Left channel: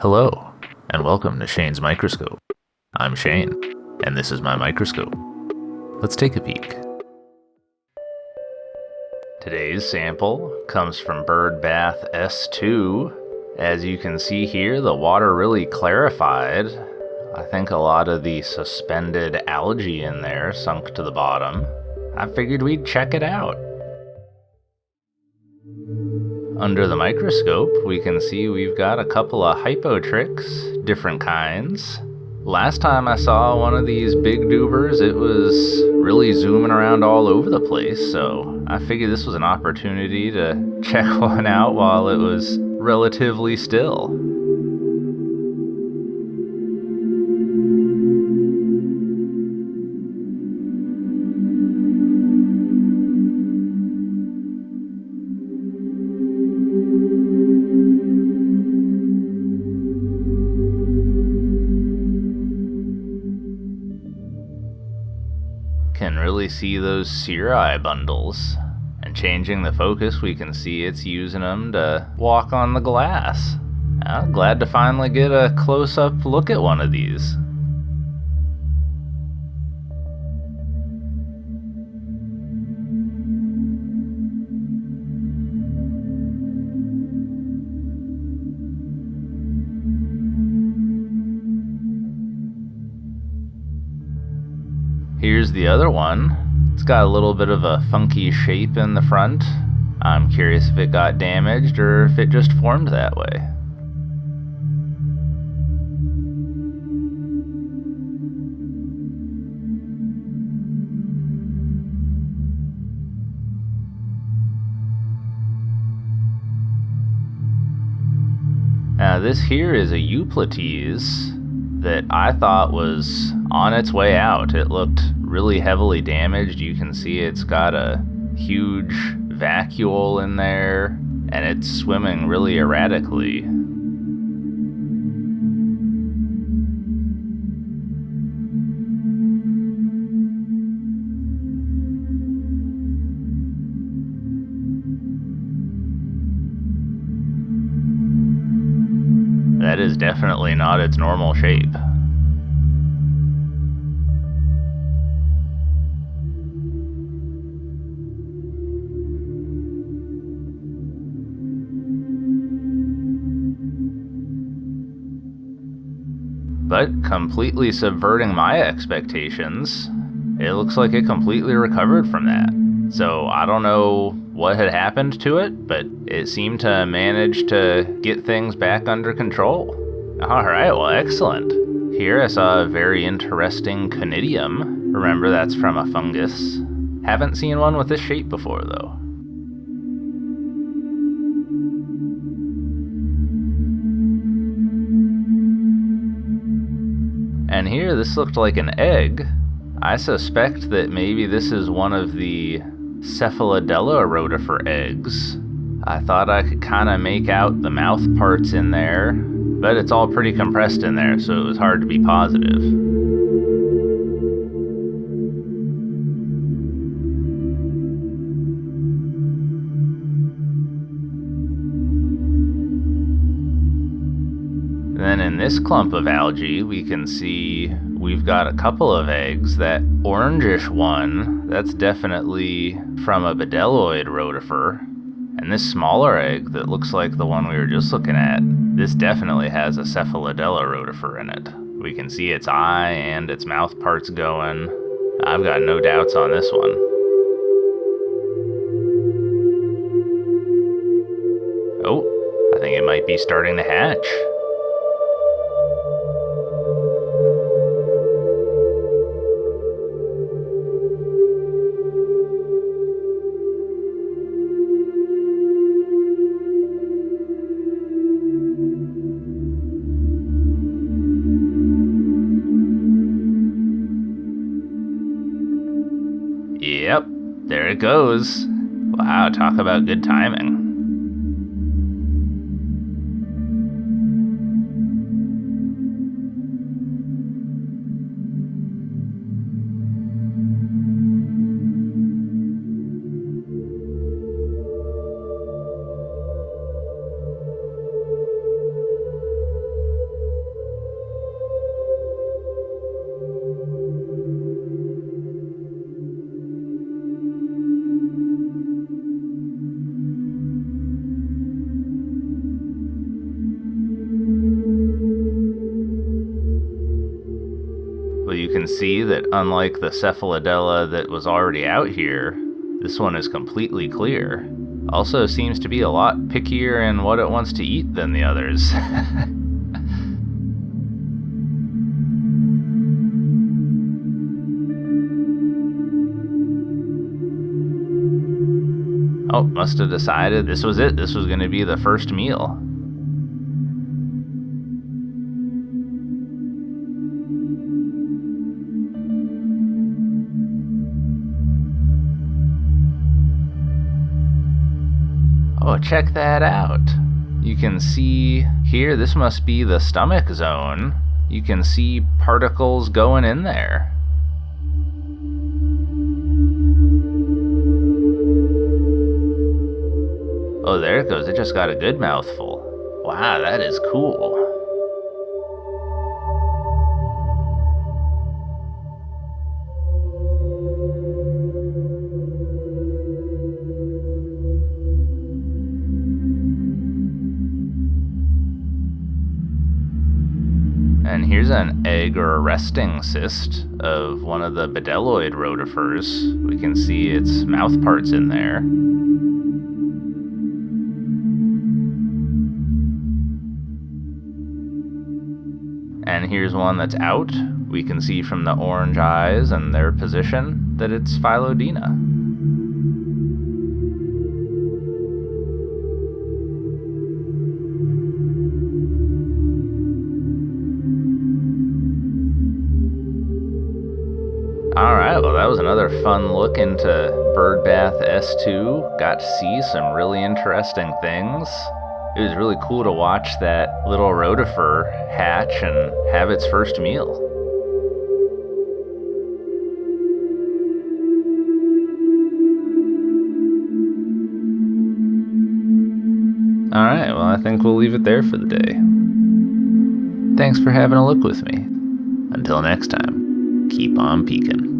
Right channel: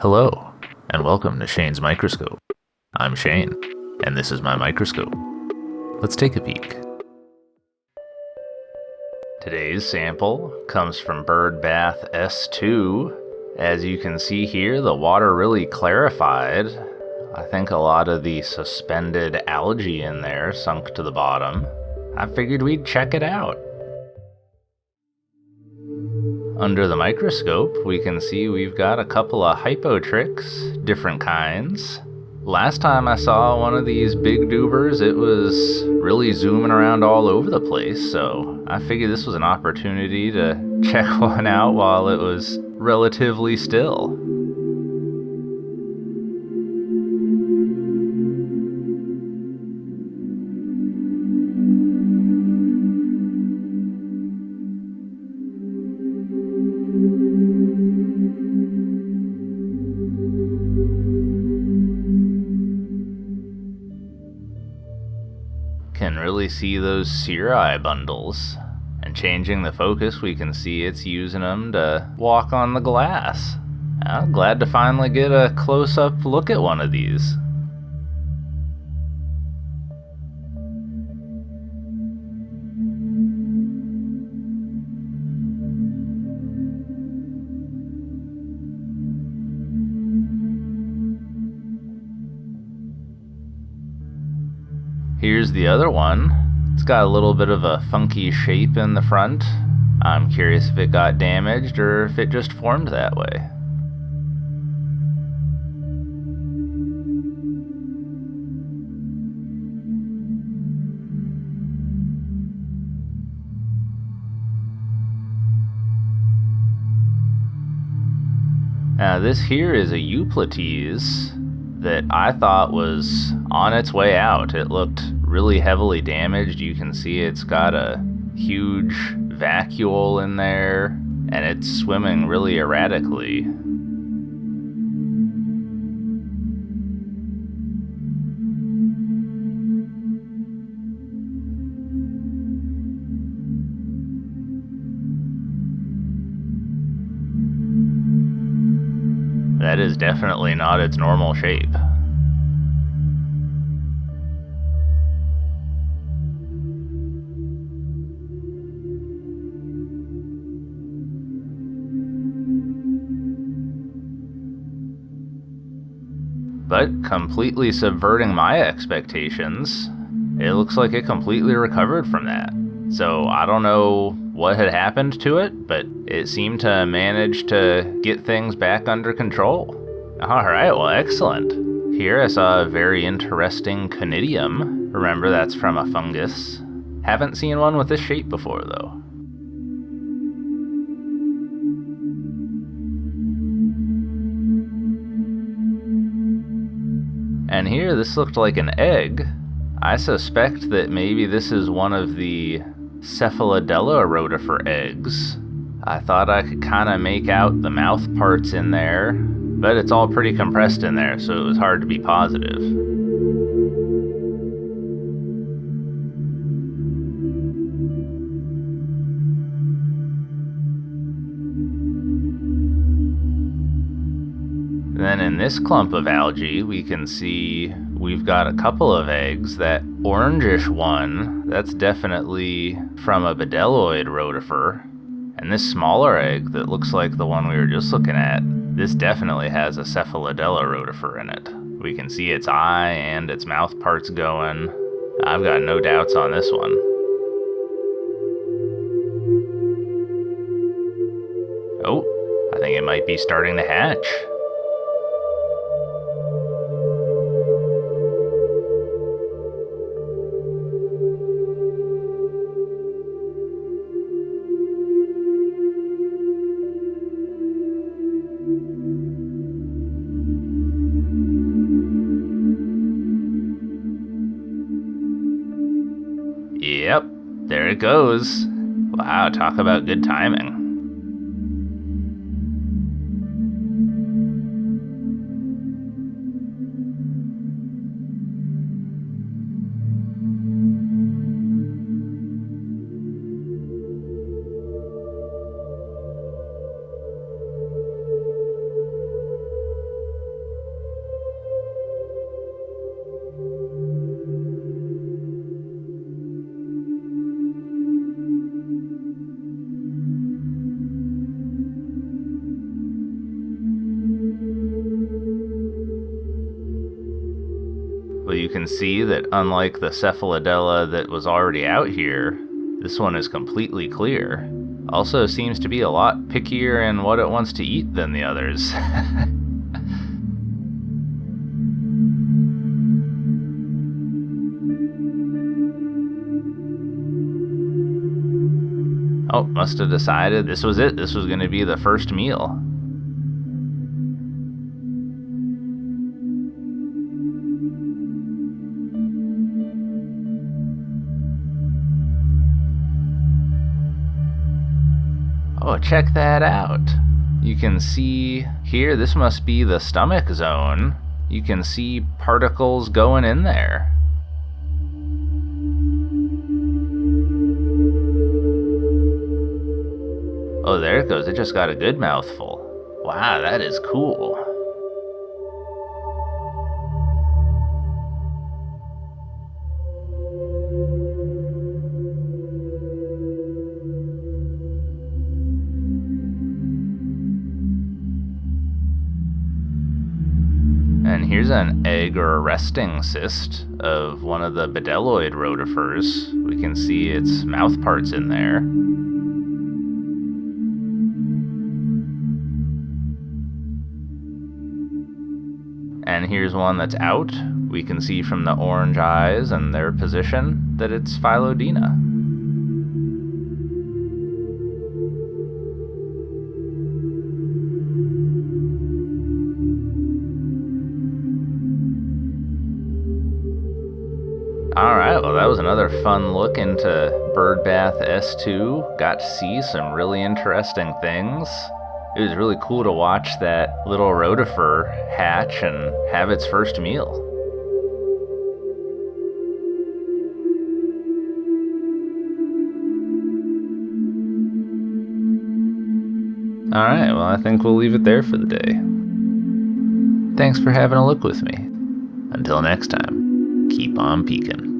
Hello, and welcome to Shane's Microscope. I'm Shane, and this is my microscope. Let's take a peek. Today's sample comes from Bird Bath S2. As you can see here, the water really clarified. I think a lot of the suspended algae in there sunk to the bottom. I figured we'd check it out. Under the microscope, we can see we've got a couple of hypotrix, different kinds. Last time I saw one of these big dubers, it was really zooming around all over the place, so I figured this was an opportunity to check one out while it was relatively still. Can really see those cirri bundles. And changing the focus, we can see it's using them to walk on the glass. I'm glad to finally get a close-up look at one of these. Here's the other one. It's got a little bit of a funky shape in the front. I'm curious if it got damaged or if it just formed that way. Now this here is a Eupleties that I thought was on its way out. It looked really heavily damaged. You can see it's got a huge vacuole in there, and it's swimming really erratically. That is definitely not its normal shape. But completely subverting my expectations, it looks like it completely recovered from that. So I don't know what had happened to it, but it seemed to manage to get things back under control. Alright, well, excellent. Here I saw a very interesting conidium. Remember, that's from a fungus. Haven't seen one with this shape before, though. And here, this looked like an egg. I suspect that maybe this is one of the Cephalodella rotifer eggs. I thought I could kind of make out the mouth parts in there, but it's all pretty compressed in there, so it was hard to be positive. Then in this clump of algae, we can see we've got a couple of eggs. That orangish one, that's definitely from a bedelloid rotifer. And this smaller egg that looks like the one we were just looking at, this definitely has a Cephalodella rotifer in it. We can see its eye and its mouth parts going. I've got no doubts on this one. Oh, I think it might be starting to hatch. Yep, there it goes. Wow, talk about good timing. But you can see that unlike the Cephalodella that was already out here, this one is completely clear. Also seems to be a lot pickier in what it wants to eat than the others. Oh, must have decided this was it. This was going to be the first meal. Oh, check that out. You can see here, this must be the stomach zone. You can see particles going in there. Oh, there it goes. It just got a good mouthful. Wow, that is cool. And here's an egg or a resting cyst of one of the bedelloid rotifers. We can see its mouth parts in there. And here's one that's out. We can see from the orange eyes and their position that it's Phylodina. Alright, well that was another fun look into Birdbath S2. Got to see some really interesting things. It was really cool to watch that little rotifer hatch and have its first meal. Alright, well I think we'll leave it there for the day. Thanks for having a look with me. Until next time, keep on peeking.